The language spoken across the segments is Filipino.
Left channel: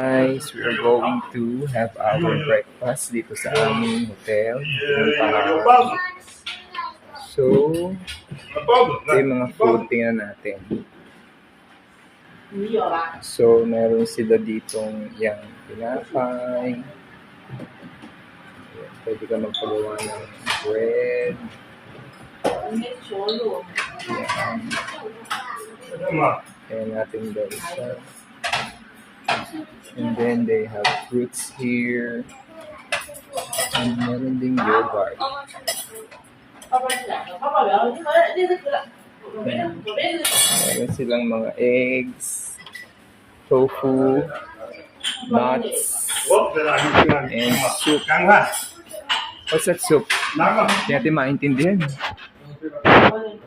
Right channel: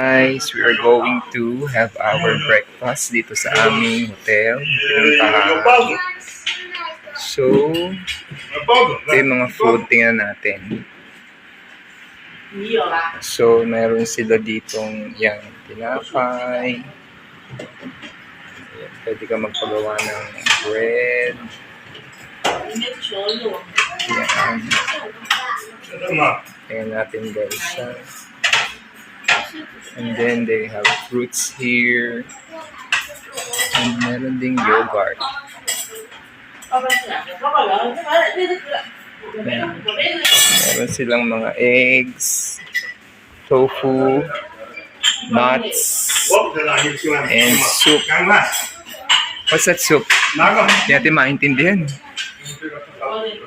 Guys, we are going to have our breakfast dito sa aming hotel. Pinuntahan. So, ito yung mga food. Tingnan natin. So, meron sila ditong yung tinapay. Ayan, pwede ka magpagawa ng bread. Ayan. Tingnan natin guys. And then they have fruits here. And meron ding yogurt. Ayan. Meron silang mga eggs, tofu, nuts, and soup. What's that soup? Hindi natin maintindihan.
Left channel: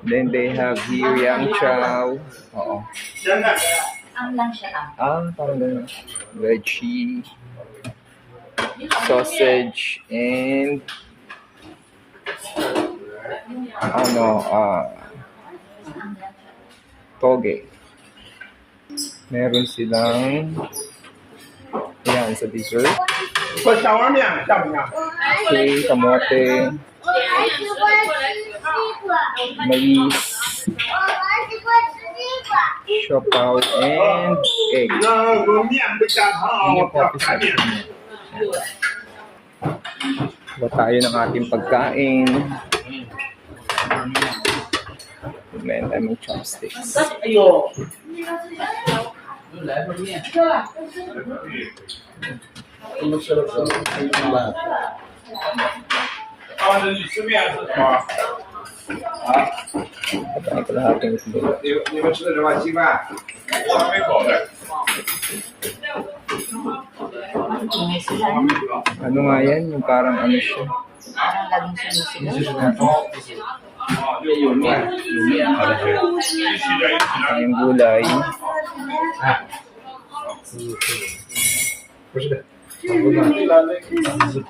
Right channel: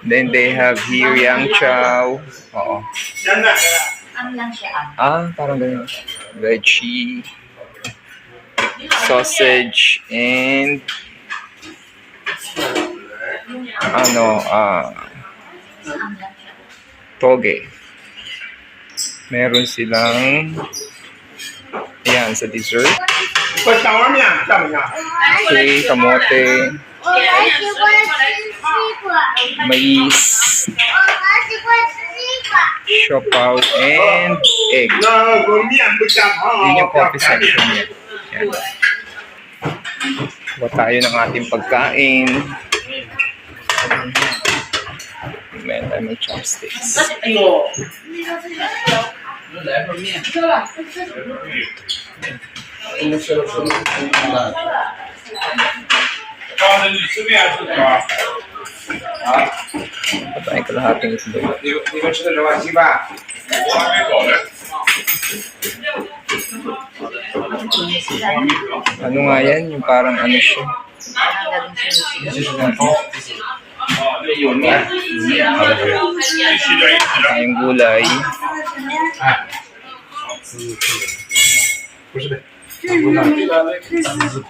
Then they have here yang chow. Oo. Parang ganun. Veggie, sausage, and toge. Meron silang ayan sa dessert. Okay, kamote, mais, siopaw, and egg. Yun yung coffee section niya. Yan. Kuha tayo ng ating pagkain. Meron tayo ng chopsticks. Patayin kalahating itlog. Ano nga yan? Yung parang ano siya. Tayong gulay.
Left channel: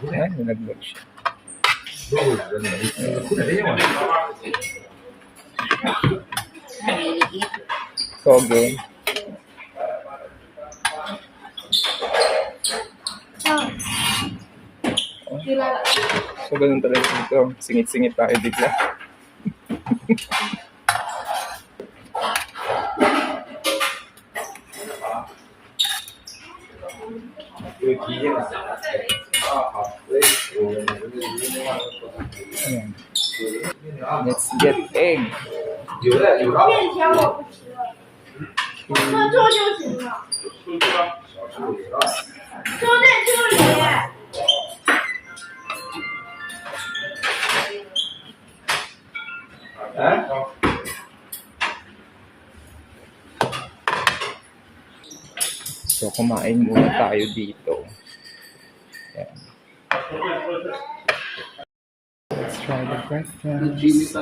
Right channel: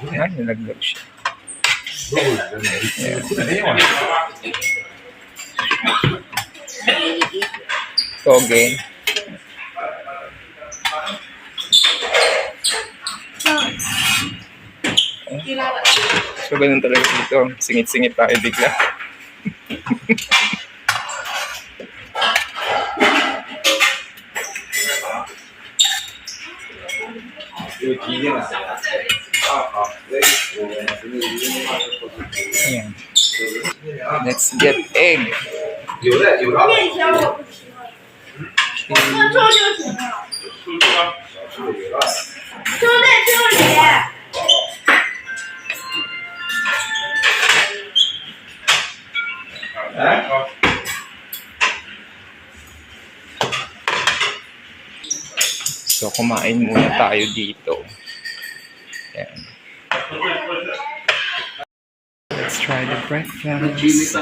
Yan, nilaglag siya. Toge. So, ganun talaga dito. Singit-singit tayo bigla. Ayan. Let's get egg. So, kumain muna tayo dito. Ayan. Let's try the breakfast.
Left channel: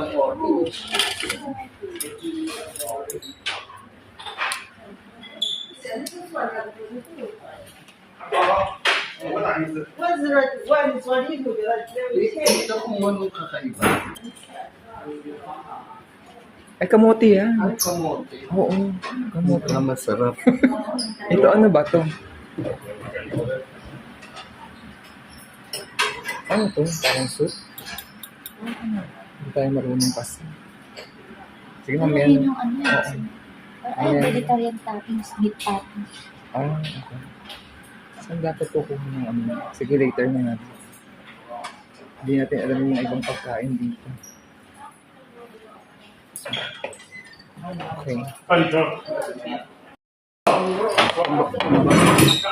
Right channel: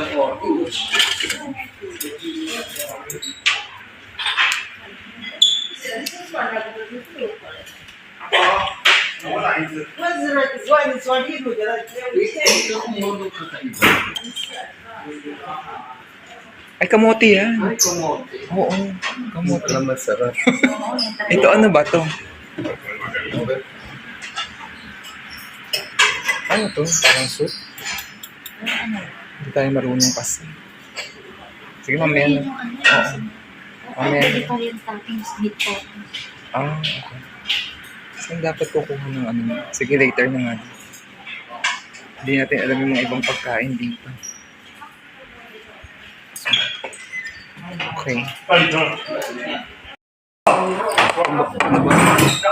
Ay, kamote yan. Ay, kamote. Oo, kamote. Masarap. Ito ano ba to? Ano to? Parang soup? Hindi tayo marunong kasi. Sige, mamaya na. Oo. Pwede pa rin toppings, meat toppings. Okay. Saan dapat kukuha ng ano? Sige, later na nga. Hindi natin alam yung mga ibang pagkain dito. Okay.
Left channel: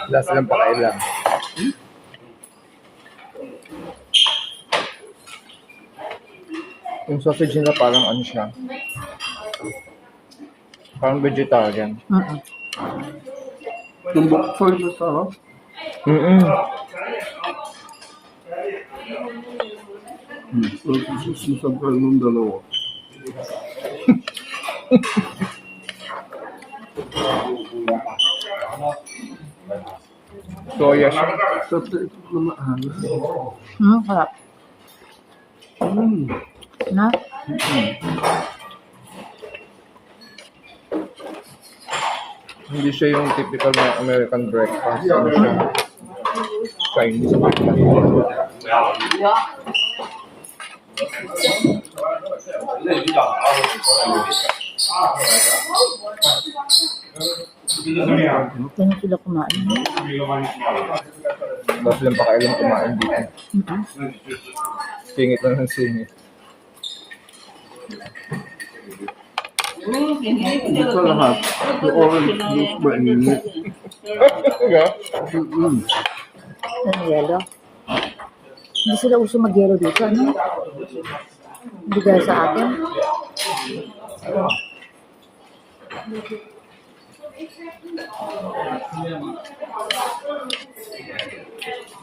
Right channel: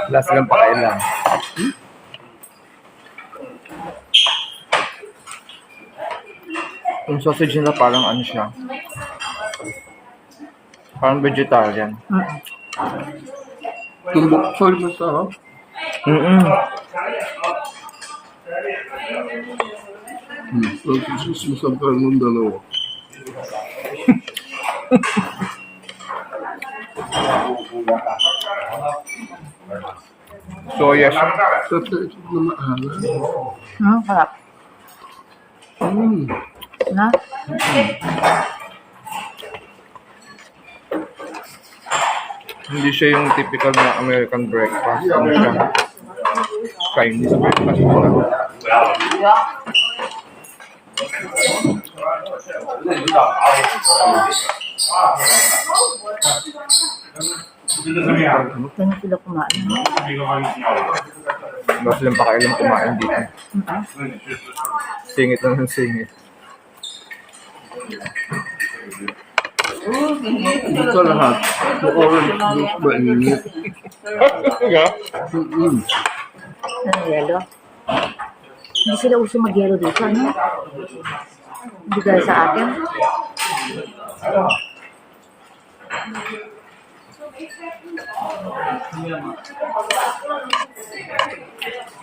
Last lang pakailan. Yung sausage nila parang ano siya? Parang vegetarian. Tumbok choy masarap. Susunod ng dalawa. Soya siya. Sarap na maalat. Harap. Mm. Na? Hindi siya yung typical na American breakfast. Ano siya? Chinese breakfast. Ganun sila kumain. Wala silang pakialam kumain dito. Singit lang ng singit. Ito lahat. Yung orange juice ba init? Ano, yelo? Hindi sila uso mag-yelo dito, ano? Hindi gaya sa atin.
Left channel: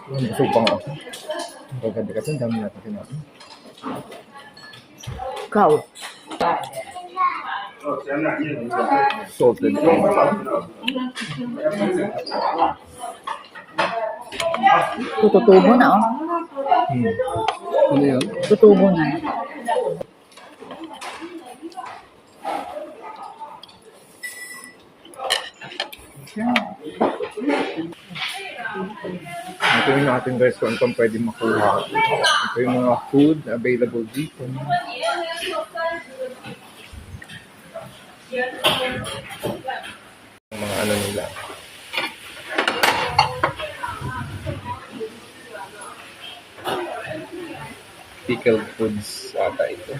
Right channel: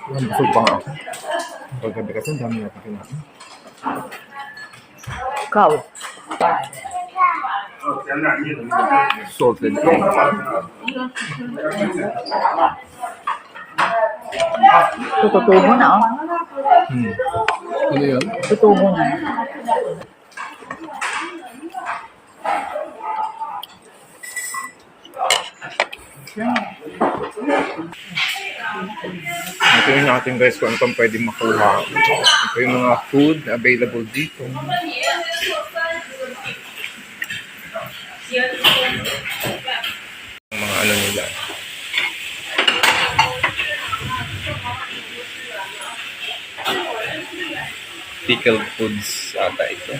Busog pa nga ako. Paggabi kasi ang dami natin kinain. Ikaw. Salted egg. Tututubo na, oh. Ano yan? Tutubo na. Ito yung natin guys kung ano pang pwede makuha. Ito yung mga food available dito. Yung mga ano nila. Pickled foods ata ito.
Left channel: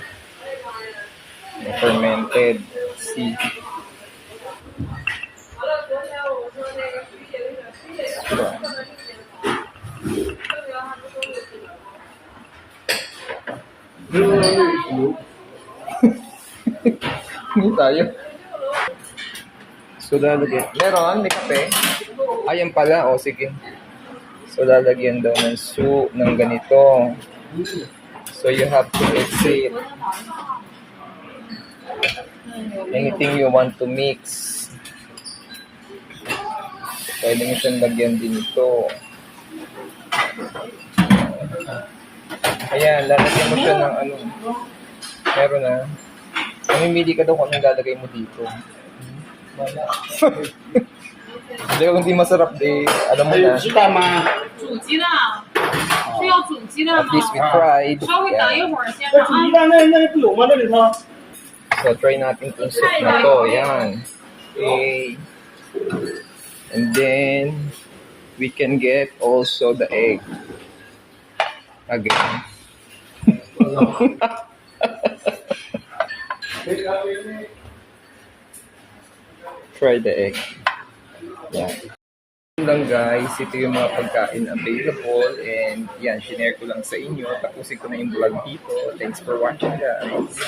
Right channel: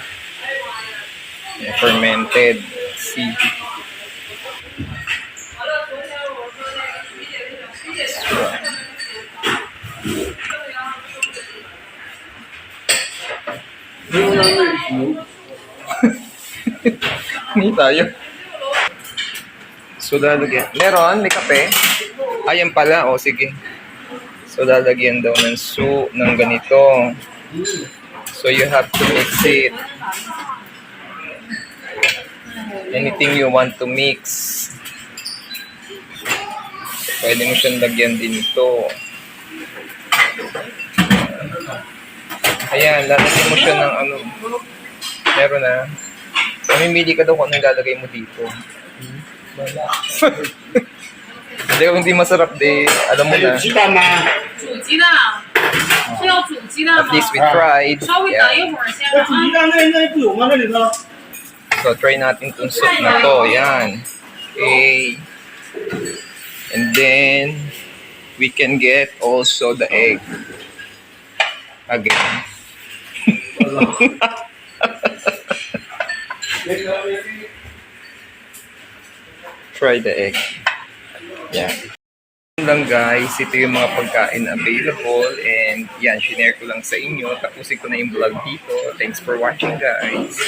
Yung fermented seed. Hindi tayo. So, lalagyan. Meron? May kape? Ayan pala. O, sige. So, lalagyan daw ng soup ng ganito. So, you have to mix it. Anything you want to mix. Pwede mo siyang lagyan din ito. Ayan, lalagyan mo siya ng ano. Meron na. Mamimili ka daw kung ano ilalagay mo dito. Hindi, kung hindi masarap, di alam mo na. 煮鸡蛋，是要煮鸡蛋 At 吗？ least we tried. 稍微等一 Yeah. 会儿先让啊。 So, try natin itong soup na to. Yan. Okay. And then, we can get also the egg. Again. Try the egg. Yeah. Yun lang guys, ito yung mga pagkain available and yan, shinare ko lang sa inyo. Tapusin ko na yung vlog dito. Thanks for watching guys.